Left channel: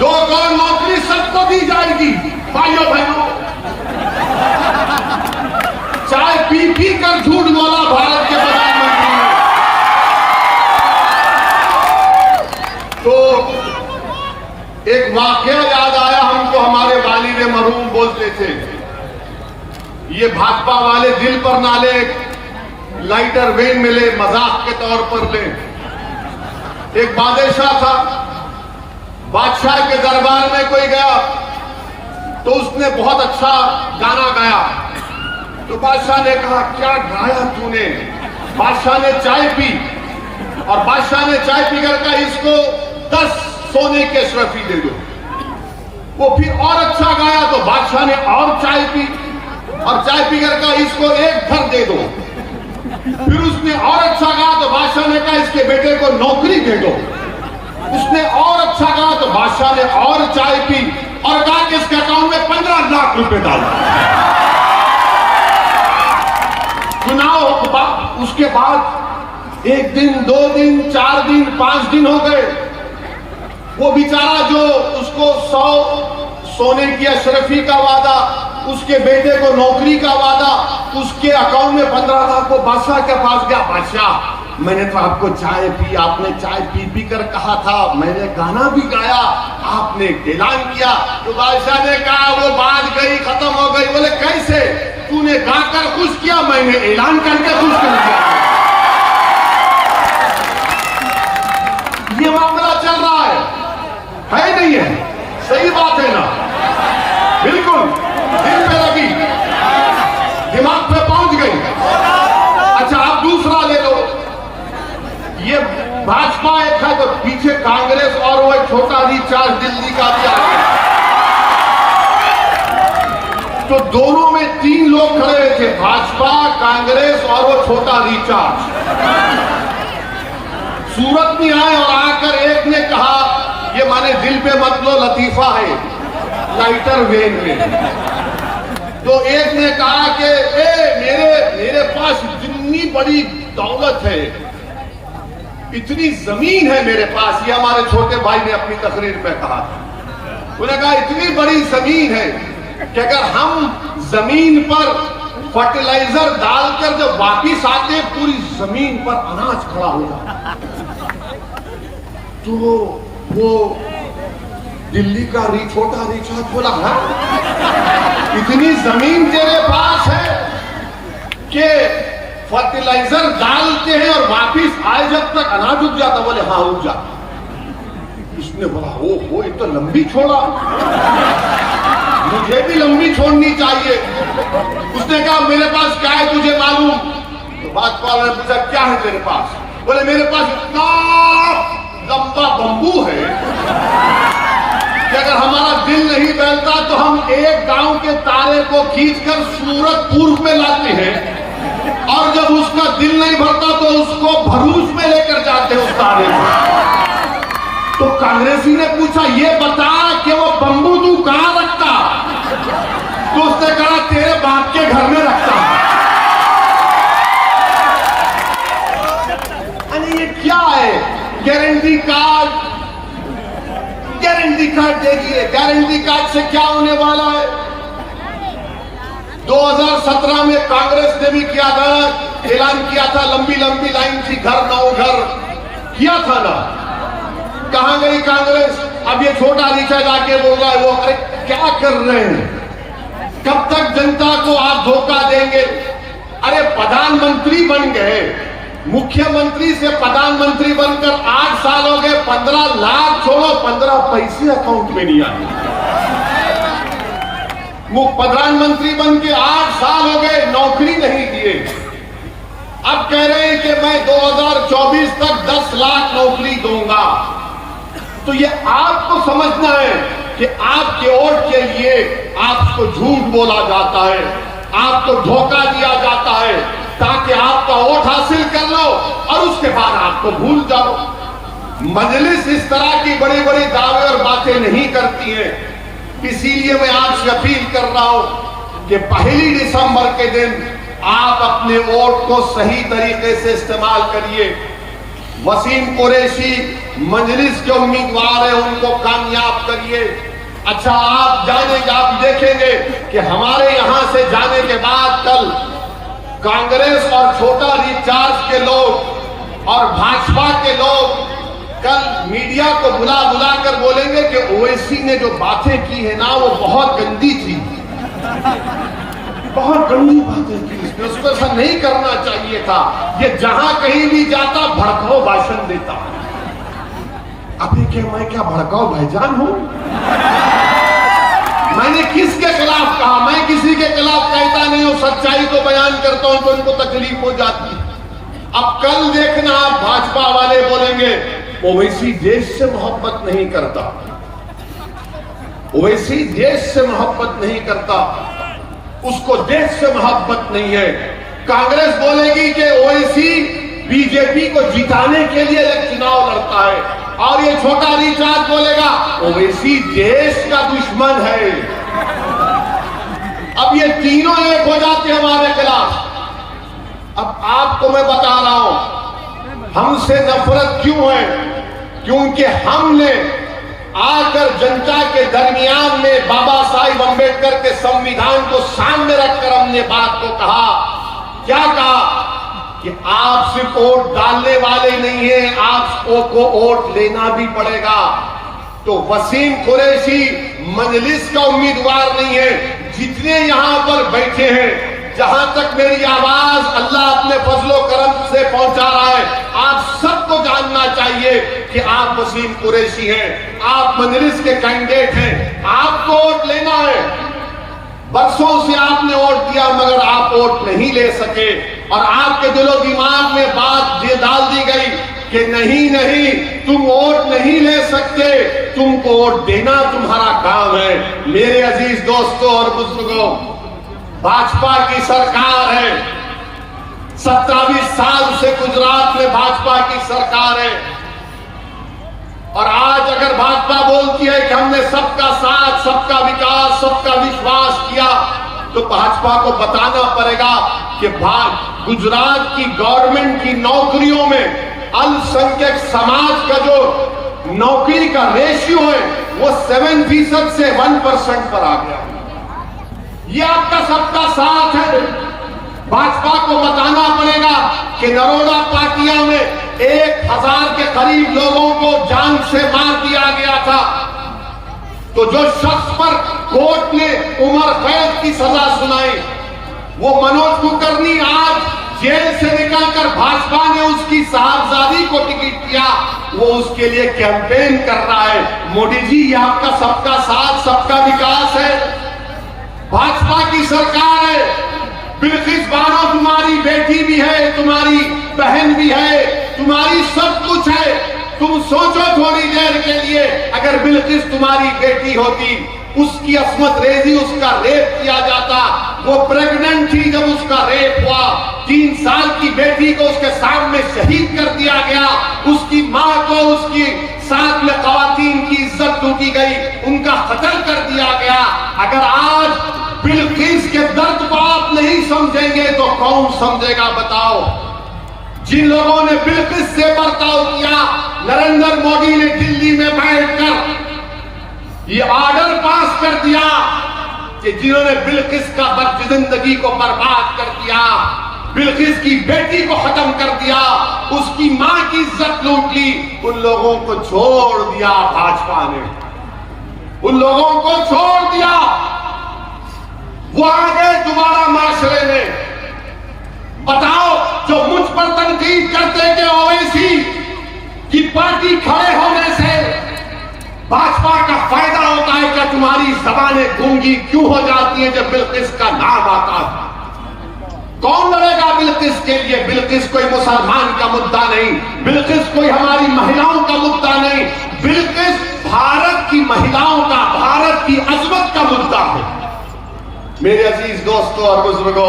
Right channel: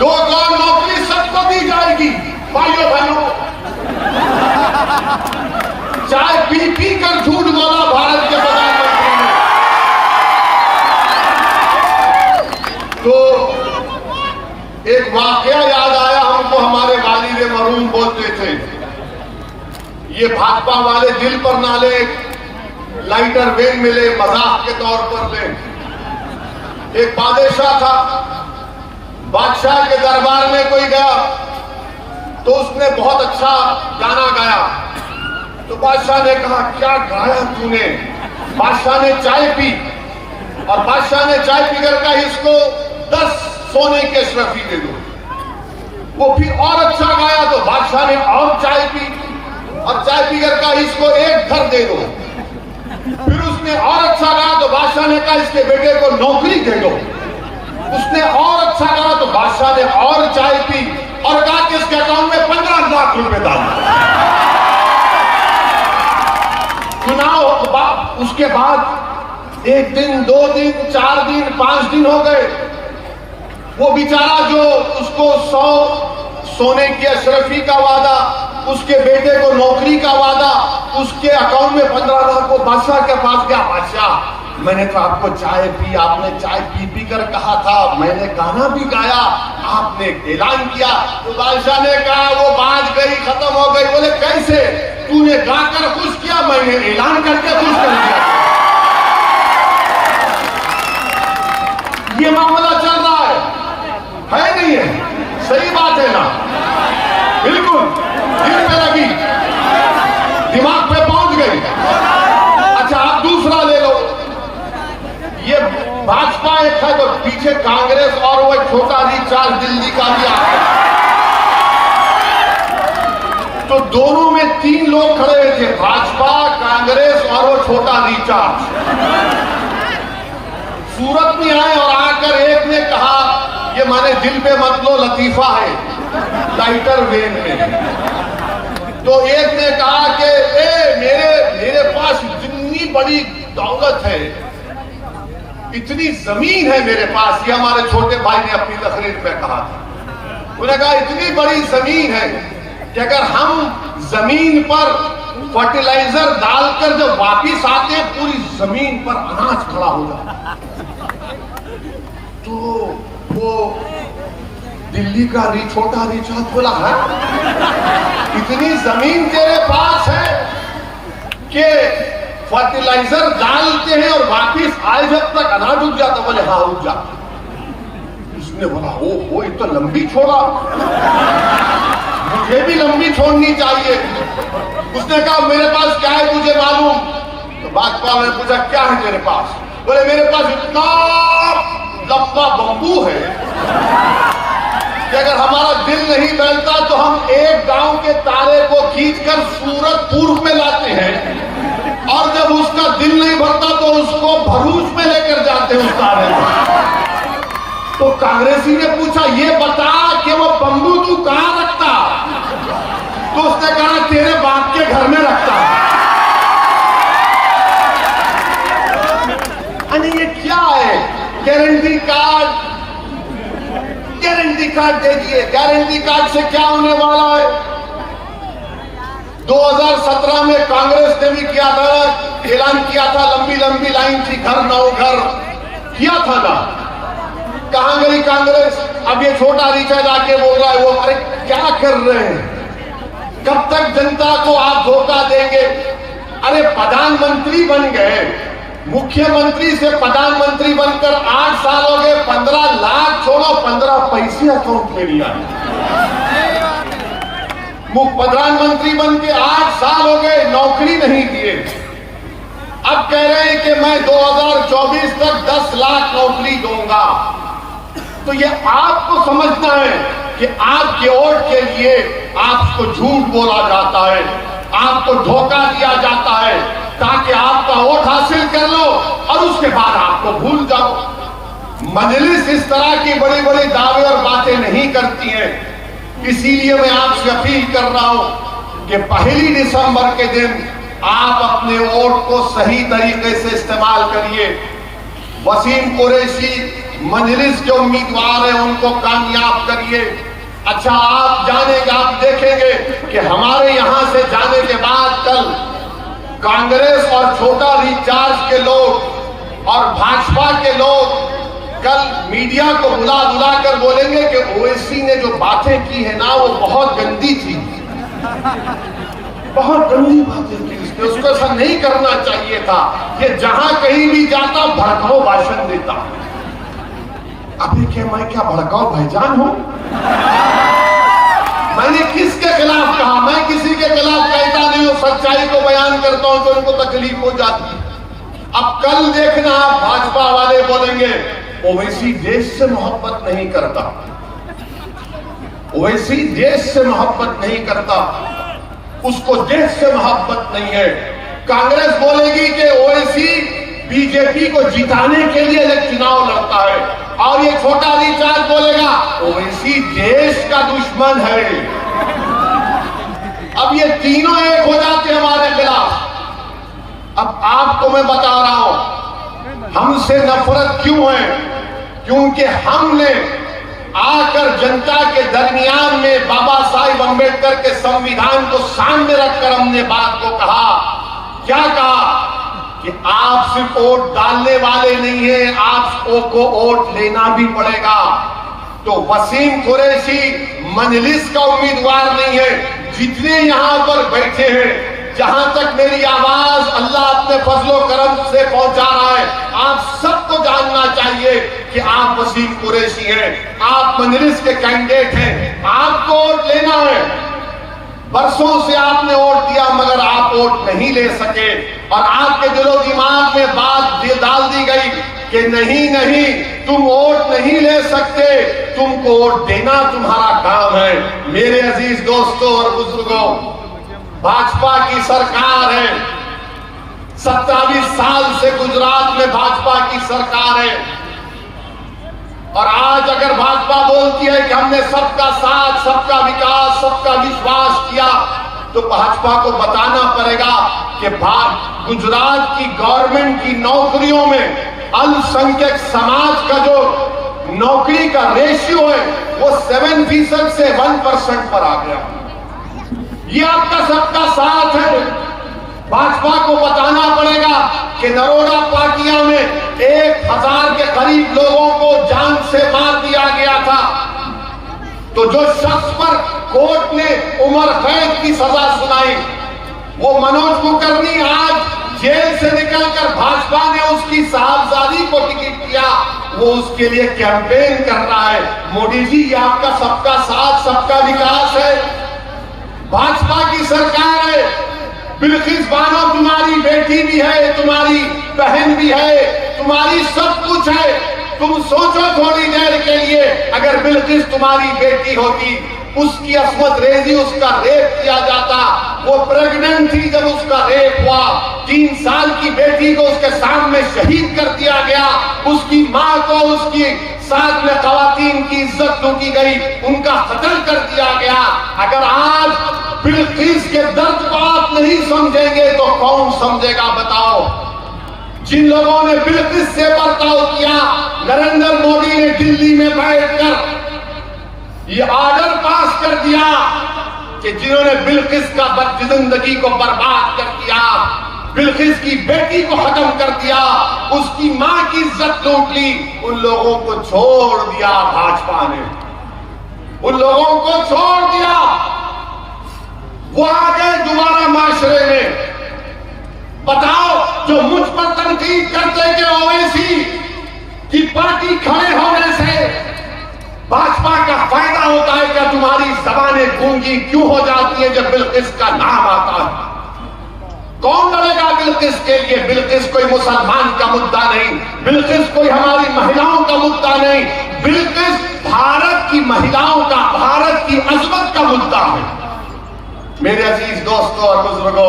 दो नौकरी सबको दी जाएगी। भाइयों बहनों, चाय पी पी कर झूठ बोला भारत के प्रधानमंत्री ने। तो एक वाकया याद आया हमको, हमारे वालिद मरहूम बोलते थे, ये भाजपा वाले दिल पर ना ले, लाइटर वेन मिले, मजाक के तौर पर ले। एक बादशाह था, बादशाह के दरबार में कोई गया तो उसने बहुत अच्छा गाना गाया। तो बादशाह ने कहा, क्या गाया तूने? बादशाह ने चाय पी और बादशाह ने चाय पीकर कहा, इसको 10 सोने के अशरफी दे दो। वो फिर और अच्छा गाया तो बादशाह ने और चाय पी और चाय पीकर कहा, इसको 1 घर दे दो। फिर उसने और अच्छा कहा तो बादशाह ने कहा, इसके बेटे को नौकरी दे दो। उसने और अच्छा कहा तो बादशाह ने और चाय पी और कहा कि इसके अकाउंट में 15 लाख रुपए डाल। चुनाव, उसके बाद 1 दिन, 2 दिन, 4 दिन, 5 दिन हो गए। वो बेचारा जो उसको 100 सोने की अशरफी का वादा, उसके बेटे को नौकरी का वादा, उसके अकाउंट में 15 लाख को बादशाह के पास गया। बादशाह, मैंने तो आपको चाय पी, आपने चाय पी पी कर कहा था, मैंने गाना भी गाया, आपने ऐलान किया। तो बादशाह ने कहा, वो बात गई, खत्म हो गई। बोले, कैसे? तूने गाकर खुश किया, मैंने ऐलान करके खुश कर दिया। ये मामला चल रहा है नहीं है? सही बात है ना? बिल्कुल दिल पे लगी, दिमाग पे पहुंच गई। अच्छा, आप दूसरा ले लो। ये भाजपा एक है तो पीछे कांग्रेस और वो छोटा रिचार्ज दिल्ली का भी आ गया। तो दोनों में 3 लोग खड़े हुए थे, भाजपा, कांग्रेस और वो छोटा रिचार्ज। सूरत में आए और आकर एक ने कहा, ये माने दिल पे मत लो, लतीफा है, लाइटर वेन में। तो एक ने कहा कि मेरे पास इतनी बड़ी दौलत है, इतनी जमीन है मेरे पास। ये हमारे छोटे भाई ने अपनी तकरीर में कहा। उन्होंने कहा, इतनी बड़ी जमीन है कि अगर हम जमीन पर फर्टिलाइजर डालकर जब वापिस आते हैं, पूरी जमीन पर अनाज खड़ा होगा। तो वो दिल्ली का छोटा रिचार्ज बोला, इतनी जमीन तेरे पास है कि फर्टिलाइजर डालते हैं और वापिस आए जब तक अनाज उग जाता? बोले, हाँ उग जाता। इसने बोला, वो तो लंबी छोड़ा, मुझे भी लंबी छोड़नी चाहिए। उसने कहा, मेरे पास क्या है तुझे मालूम? तो भाजपा ने पूछा, क्या है तेरे पास? बोले, मेरे पास इतना लंबा बंबू है कि अगर हमारा दिल नहीं चलता तो हम एक गांव के तारे को खींचकर सूरत पूर्व में लाते हैं, और जब उसका दिल नहीं भरता तो उसको भरूच में लेकर जाते हैं उस तारे को। तो कांग्रेसी ने पूछा, ये बता कि वो बंबू तू कहां रखता? तो उसने कहा, तेरे बाप के घर में रखता। अरे ये क्या है? गारंटी कार्ड दे दिए। गारंटी कार्ड से क्या होने वाला है? 2017 में कांग्रेस ने भी किया था, ऐलान किया था, लंबी लंबी लाइन थी, घर नौ घर किया था ना। कहां गई कांग्रेस? अब ये छोटा रिचार्ज आके बोल रहा है, वो अरे क्या कर रहे हैं? कब तक जनता को आप धोखा देंगे? अरे प्रधानमंत्री बन गए, मुख्यमंत्री से प्रधानमंत्री बनकर 8 साल हो गए, 15 लाख छोड़ो, 15 पैसे अकाउंट में नहीं आए। प्रधानमंत्री बन के 8 साल हो गए, नौकरी नहीं दिए। अब कह रहे हैं कि मैं 2024 तक 10 लाख नौकरी दूंगा। तो ये आपको समझना है कि आपके वोट के लिए आपको झूठ बोला जाता है, आपको धोखा दिया जाता है ताकि आपका वोट हासिल कर लो और उसके बाद आपको भूल जाओ। मजलिस इस तरह की बड़ी बड़ी दावे और बातें नहीं करती है। इसीलिए मैं आपसे अपील कर रहा हूं कि 1 दिसंबर के दिन आप अपने वोट को सही तरीके से इस्तेमाल करिए। वसीम कुरैशी मजलिस के उम्मीदवार हैं, उनको कामयाब करिए। अच्छा, आप जानेगा, आप देखेंगे कि हमारे यहां से जाने के बाद कल कांग्रेस और छोटा रिचार्ज के लोग और भाजपा के लोग कल मीडिया को बुला बुला कर बोलेंगे कि ओवैसी ने जो बातें की है ना, वो बहुत गंदी थी, बहुत गंदी बातें की इसने, उसको ऐसा नहीं करना चाहिए था, ये जहां कहीं भी जाता भड़काऊ भाषण देता। अभी क्या मैं क्या भड़काऊ भाईजान हूं? मैंने किसके खिलाफ कहा? मैं किसी के खिलाफ कहता नहीं हूं, सच्चाई को बयान करता हूं तो उनको तकलीफ हो जाती है। अब कल देखना, भाजपा वाले बोलेंगे ओवैसी देश से मोहब्बत नहीं करता, ओवैसी देश से मोहब्बत नहीं करता, उसको देश से मोहब्बत नहीं है। कांग्रेस बोलेगी कि ओवैसी बीजेपी को जिताने के लिए चुनाव लड़ता है, और ये छोटा रिचार्ज बोलेगा ओवैसी देश का दुश्मन है। अब ये तीनों एक हो जाते हैं हमारे खिलाफ। अब आपको मैं बता रहा हूं हमसे नफरत क्यों है, क्योंकि हमने आकर जनता के दरमियान में बाबा साहिब अम्बेडकर के संविधान को सामने रखकर हमने बात को कहा। क्या कहा कि आप सिर्फ वोट डालने वाले नहीं है, आपको वोट लेना भी पड़ेगा। तो वसीम कुरैशी मजलिस का उम्मीदवार नहीं है, जितने यहां पर बैठे हैं, जहां तक मेरी आवाज अल्लाह अपने फजलो करम से पहुंचा रहा है, आप सबको जानना चाहिए कि आप वसीम कुरैशी हैं, आप मजलिस के कैंडिडेट हैं, आपको वोट लेना है। बरसों से आपने वोट दिया मगर आप वोट नहीं ले सके, और आपके दिलो दिमाग में बात डाल दी गई कि नहीं नहीं तुम वोट नहीं ले सकते, तुमको वोट देना तुम्हारा काम है। मेरे अजीज दोस्तों और बुजुर्गों, भाजपा की सरकार है, 27 साल से गुजरात में भाजपा की सरकार है, और आज अगर भाजपा बोलती है कि हमने सबका साथ, सबका विकास, सबका विश्वास किया, तो भाजपा को बताना पड़ेगा कि गुजरात की गवर्नमेंट की नौकरियों में अल्पसंख्यक समाज का जो नौकरी का रेशियो है वो 7% से 1% पर आ गया। ये आपका सबका साथ है। भाजपा को बताना पड़ेगा कि नरोड़ा पाटिया में 1000 के करीब लोगों को जान से मार दिया गया था, तो जो शख्स पर कोर्ट ने उम्र कैद की सजा सुनाई, वो मनोज कुलकर्णी आज जेल से निकलकर भाजपा ने उसकी साहबजादी को टिकट दिया, वो उसके लिए कैंपेन कर रहा है। मोदी जी, ये आपका सबका साथ, सबका विकास है, भाजपा की सरकार है। बिल्किस बानो तुम्हारी बेटी भी है, तुम्हारी बहन भी है, तुम्हारी सब कुछ है। तुम सोचो थोड़ी देर के लिए, अगर बिल्किस तुम्हारी बेटी होती, उसकी अस्मत रेजी, उसका रेप किया जाता, वो प्रेग्नेंट थी जब उसका रेप हुआ, 3 साल की बेटी को उसके सामने शहीद कर दिया गया, उसकी मां को, उसकी साथ में खवातीन की इज्जत लूटी गई, उनका कत्ल कर दिया गया। अगर आज बिल्किस के दर्द को आप नहीं समझेंगे तो कौन समझेगा बताओ। जिन लोगों ने बिल्किस से बर्ताव किया, नरेंद्र मोदी ने दिल्ली में बैठकर ये ऑर्डर पास कर दिया कि जिन्होंने बिल्किस का जिंदगी को बर्बाद कर दिया, बिल्किस की बेटी को खत्म कर दिया, उसकी मां की इज्जत लूट ली, उन लोगों को छोड़ दिया भाजपा ने, उन लोगों को छोड़ दिया। वो आगे दोबारा माशरे में बताओ, जो मुझ पर तनकीद करते थे ओवैसी की पार्टी खड़े होने से भाजपा का फायदा होता है, क्या तुम्हारी जबानें गूंगी क्यों हो जाती है जब बिल्किस का नाम आता है? कौन लड़ेगा बिल्किस के लिए? बिल्किस कोई मुसलमान का मुद्दा नहीं, बिल्किस कोई हमारी महिलाओं का मुद्दा नहीं, बिल्किस भारत की महिलाओं का, भारत की अजमत का मुद्दा है। मेरे अजीज दोस्तों और बुजुर्गों,